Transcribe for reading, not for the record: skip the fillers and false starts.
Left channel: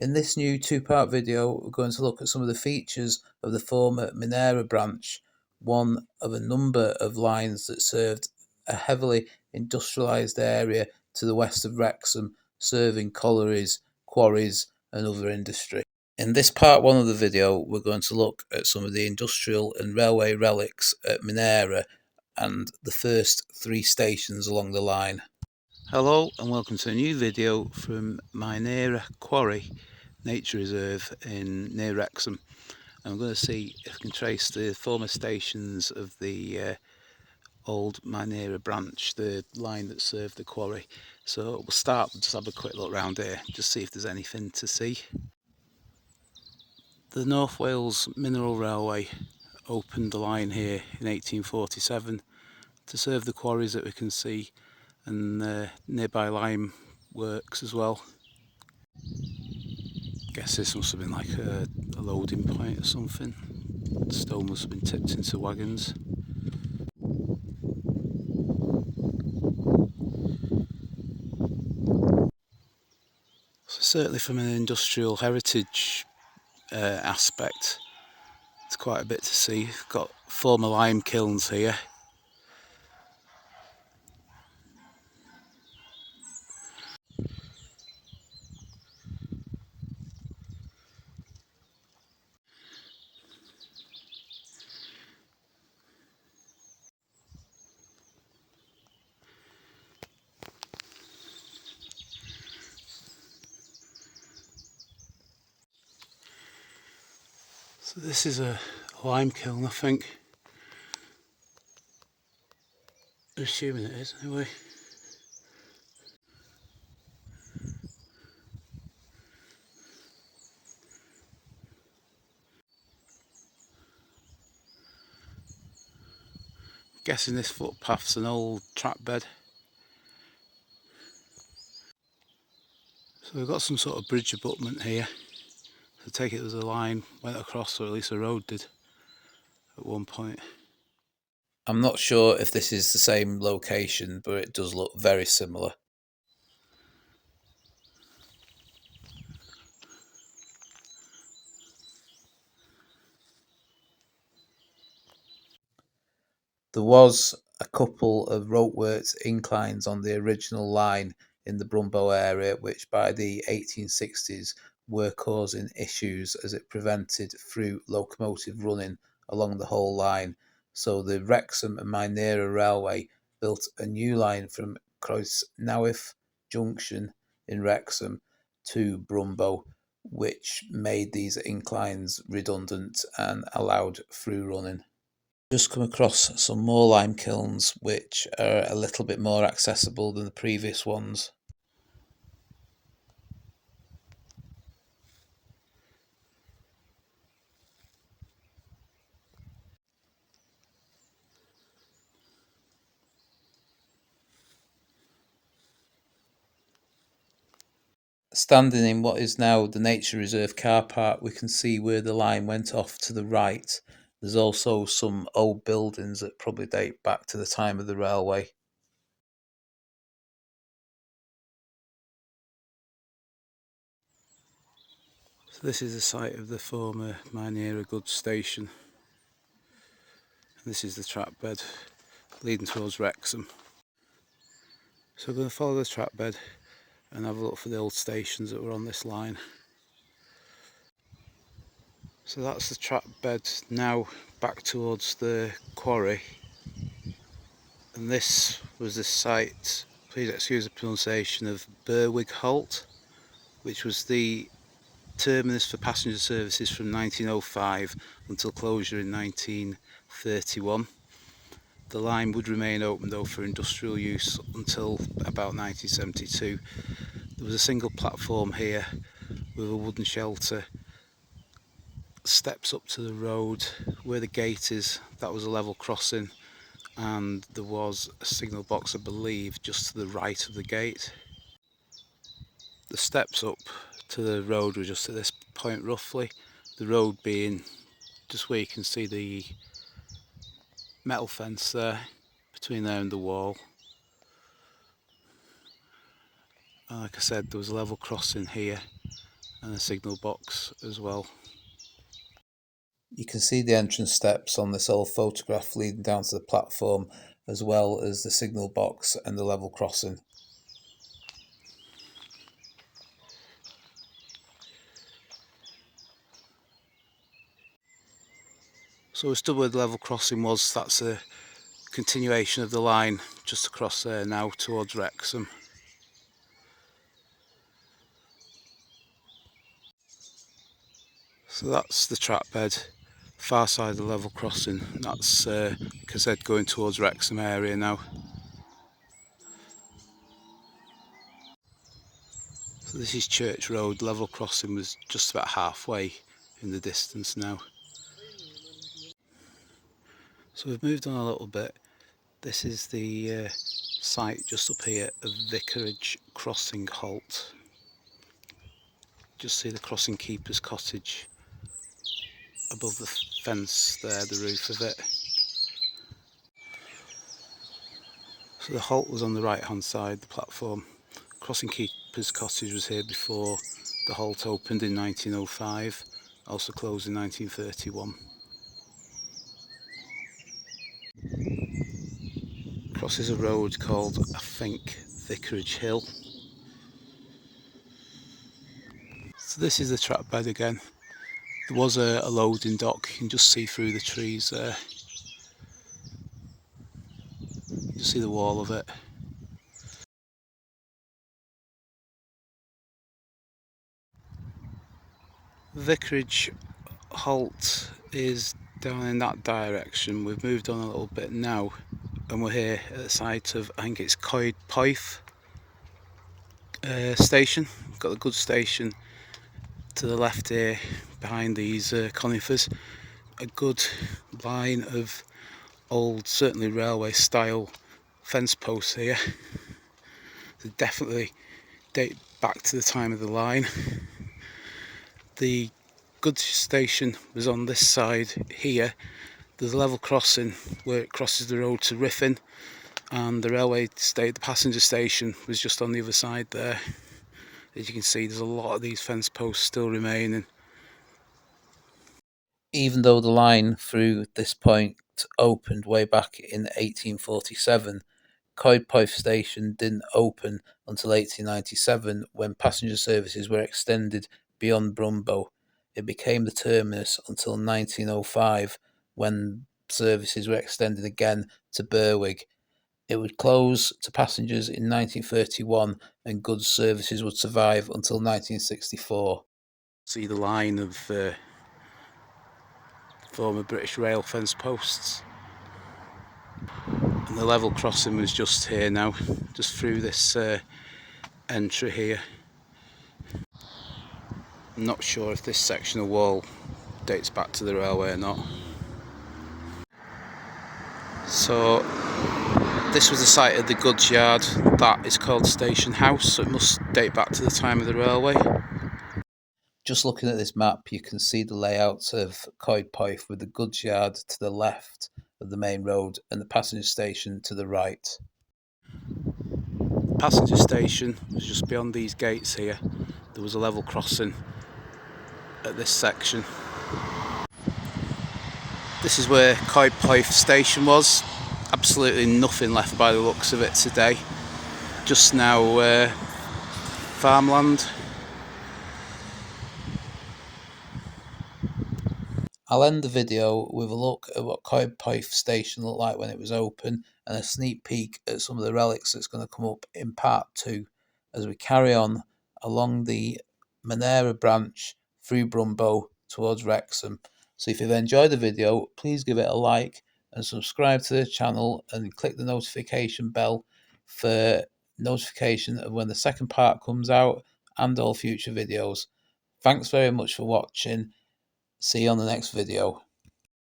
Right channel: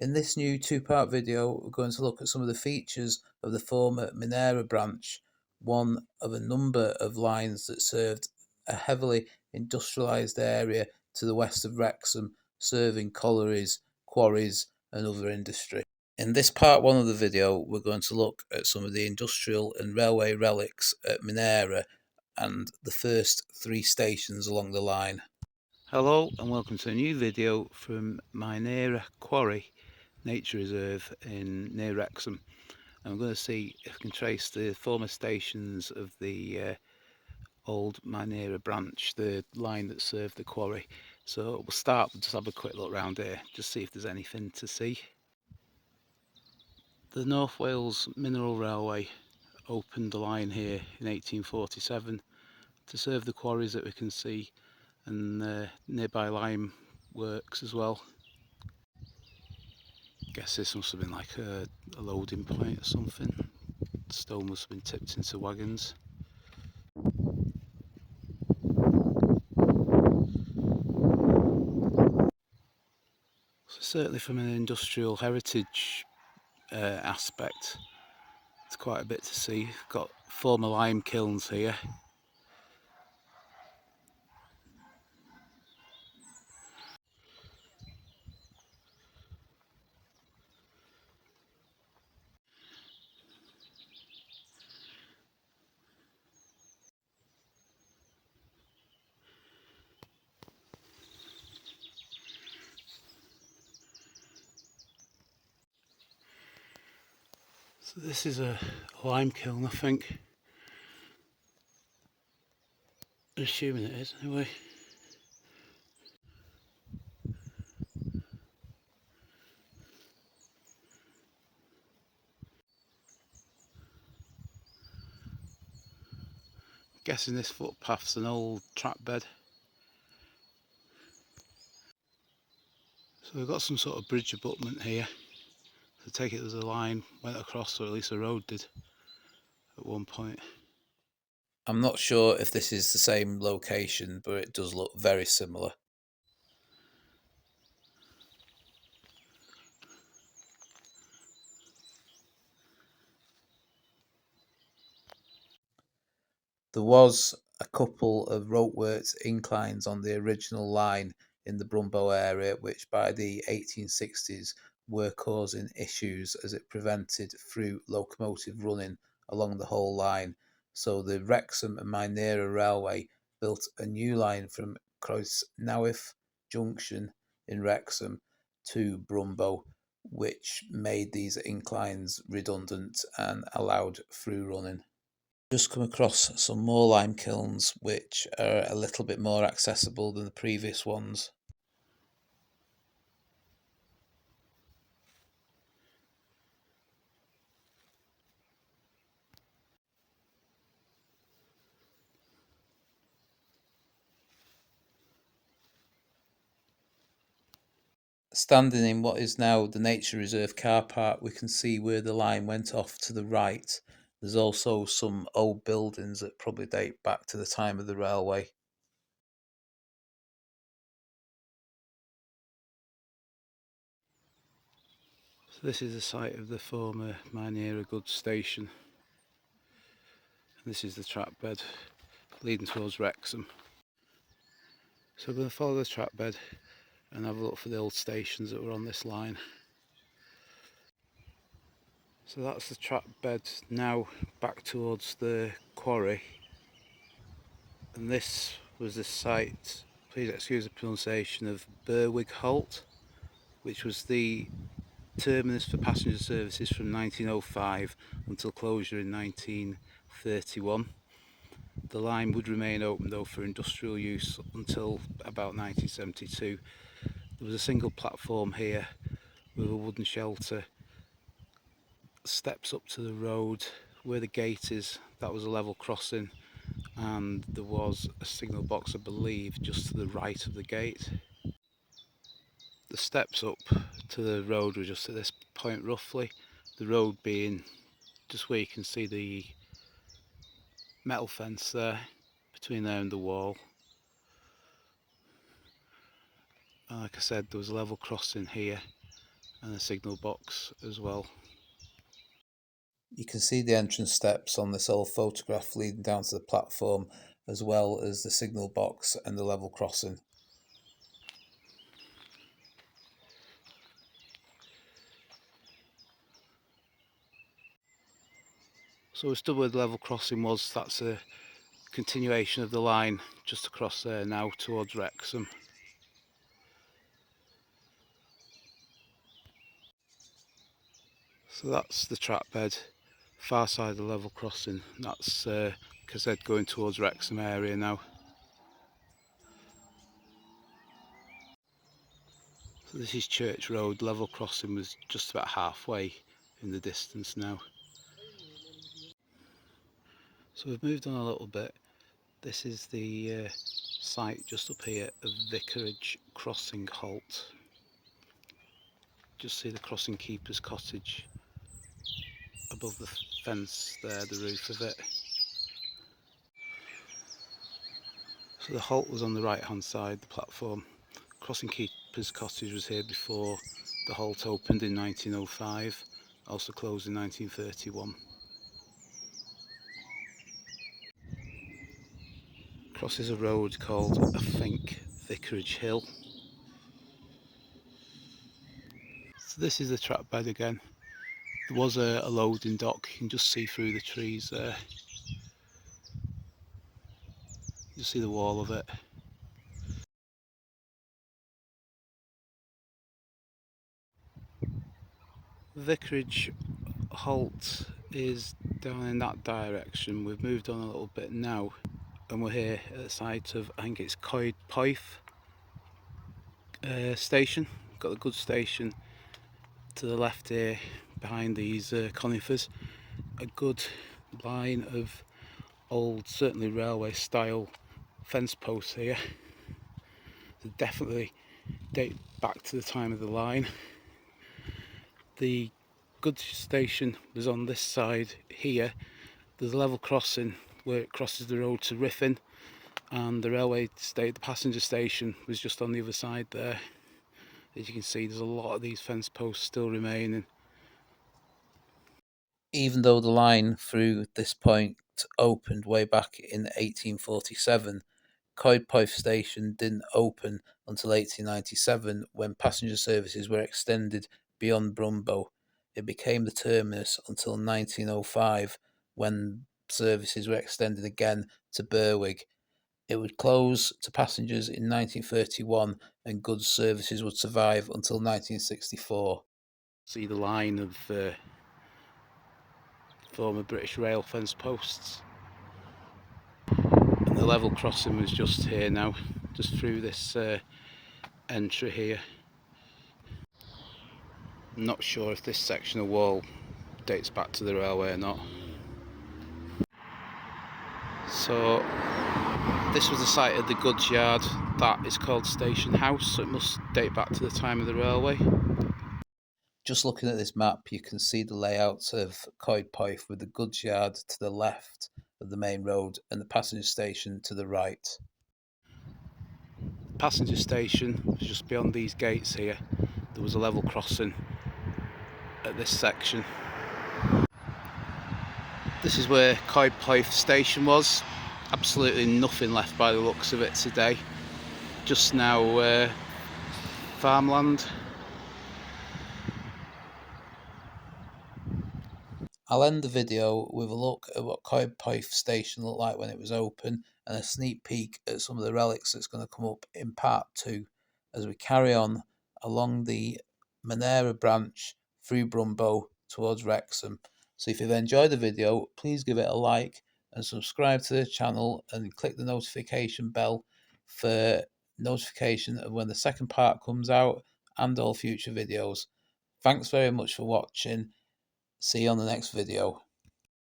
In this new two-part video, we're going to look at some of the features of the former Minera Branch, one of a number of lines that served a heavily industrialised area to the west of Wrexham, serving collieries, quarries and other industry. In this part one of the video, we're going to look at some of the industrial and railway relics at Minera and the first 3 stations along the line. Hello and welcome to a new video from Minera Quarry Nature Reserve near Wrexham. And we're going to see if we can trace the former stations of the old Minera Branch, the line that served the quarry. So we'll start, just have a quick look around here, just see if there's anything to see. The North Wales Mineral Railway opened the line here in 1847 to serve the quarries that we can see, and nearby limeworks as well. Guess this must have been like a loading point or something. The stone must have been tipped into wagons. So certainly from an industrial heritage aspect, it's quite a bit to see. We've got former lime kilns here. So this is a lime kiln, I think. I'm assuming it is anyway. I'm guessing this footpath's an old trap bed. So we've got some sort of bridge abutment here. So take it as a line went across, or at least the road did at one point. I'm not sure if this is the same location, but it does look very similar. There was a couple of ropeworks inclines on the original line in the Brymbo area, which by the 1860s were causing issues as it prevented through locomotive running along the whole line. So the Wrexham and Minera Railway built a new line from Coedpoeth Junction in Wrexham to Brymbo, which made these inclines redundant and allowed through running. Just come across some more lime kilns which are a little bit more accessible than the previous ones. Standing in what is now the Nature Reserve car park, we can see where the line went off to the right. There's also some old buildings that probably date back to the time of the railway. So this is the site of the former Minera goods station. And this is the trap bed leading towards Wrexham. So we're going to follow the trap bed and have a look for the old stations that were on this line. So that's the trap bed now back towards the quarry. And this was the site, please excuse the pronunciation, of Berwick Halt, which was the terminus for passenger services from 1905 until closure in 1931. The line would remain open though for industrial use until about 1972. There was a single platform here with a wooden shelter, steps up to the road. Where the gate is, that was a level crossing, and there was a signal box, I believe, just to the right of the gate. The steps up to the road were just at this point roughly, the road being just where you can see the metal fence there, between there and the wall. And like I said, there was a level crossing here, and a signal box as well. You can see the entrance steps on this old photograph leading down to the platform, as well as the signal box and the level crossing. So we stood where the level crossing was. That's a continuation of the line just across there now towards Wrexham. So that's the track bed, far side of the level crossing. That's like I said, going towards Wrexham area now. So this is Church Road. Level crossing was just about halfway in the distance now. So we've moved on a little bit. This is the site just up here of Vicarage Crossing Halt. Just see the crossing keeper's cottage above the fence there, the roof of it. So the halt was on the right hand side, the platform. Crossing keeper's cottage was here before the halt opened in 1905, also closed in 1931. Crosses a road called, I think, Vicarage Hill. So this is the track bed again. There was a loading dock, you can just see through the trees there. You can see the wall of it. Vicarage halt is down in that direction. We've moved on a little bit now and we're here at the site of, I think it's Coedpoeth station. We've got the goods station to the left here behind these conifers. A good line of old, certainly railway style fence posts here. They definitely date back to the time of the line. The goods station was on this side here. There's a level crossing where it crosses the road to Riffin, and the railway station, the passenger station, was just on the other side there. As you can see, there's a lot of these fence posts still remaining. Even though the line through this point opened way back in 1847, Coedpoeth Station didn't open until 1897 when passenger services were extended beyond Brymbo. It became the terminus until 1905 when services were extended again to Berwick. It would close to passengers in 1931 and goods services would survive until 1964. See the line of former British Rail fence posts. And the level crossing was just here now, just through this entry here. I'm not sure if this section of wall dates back to the railway or not. So this was the site of the goods yard. That is called Station House, so it must date back to the time of the railway. Just looking at this map, you can see the layout of Coedpoeth with the goods yard to the left of the main road and the passenger station to the right. Passenger station was just beyond these gates here. There was a level crossing at this section. This is where Coedpoeth station was. Absolutely nothing left by the looks of it today. Just now farmland. I'll end the video with a look at what Coedpoeth Station looked like when it was open and a sneak peek at some of the relics that's going to come up in part 2 as we carry on along the Minera Branch through Brymbo towards Wrexham. So if you've enjoyed the video, please give it a like and subscribe to the channel and click the notification bell for notification of when the second part comes out and all future videos. Thanks very much for watching. See you on the next video.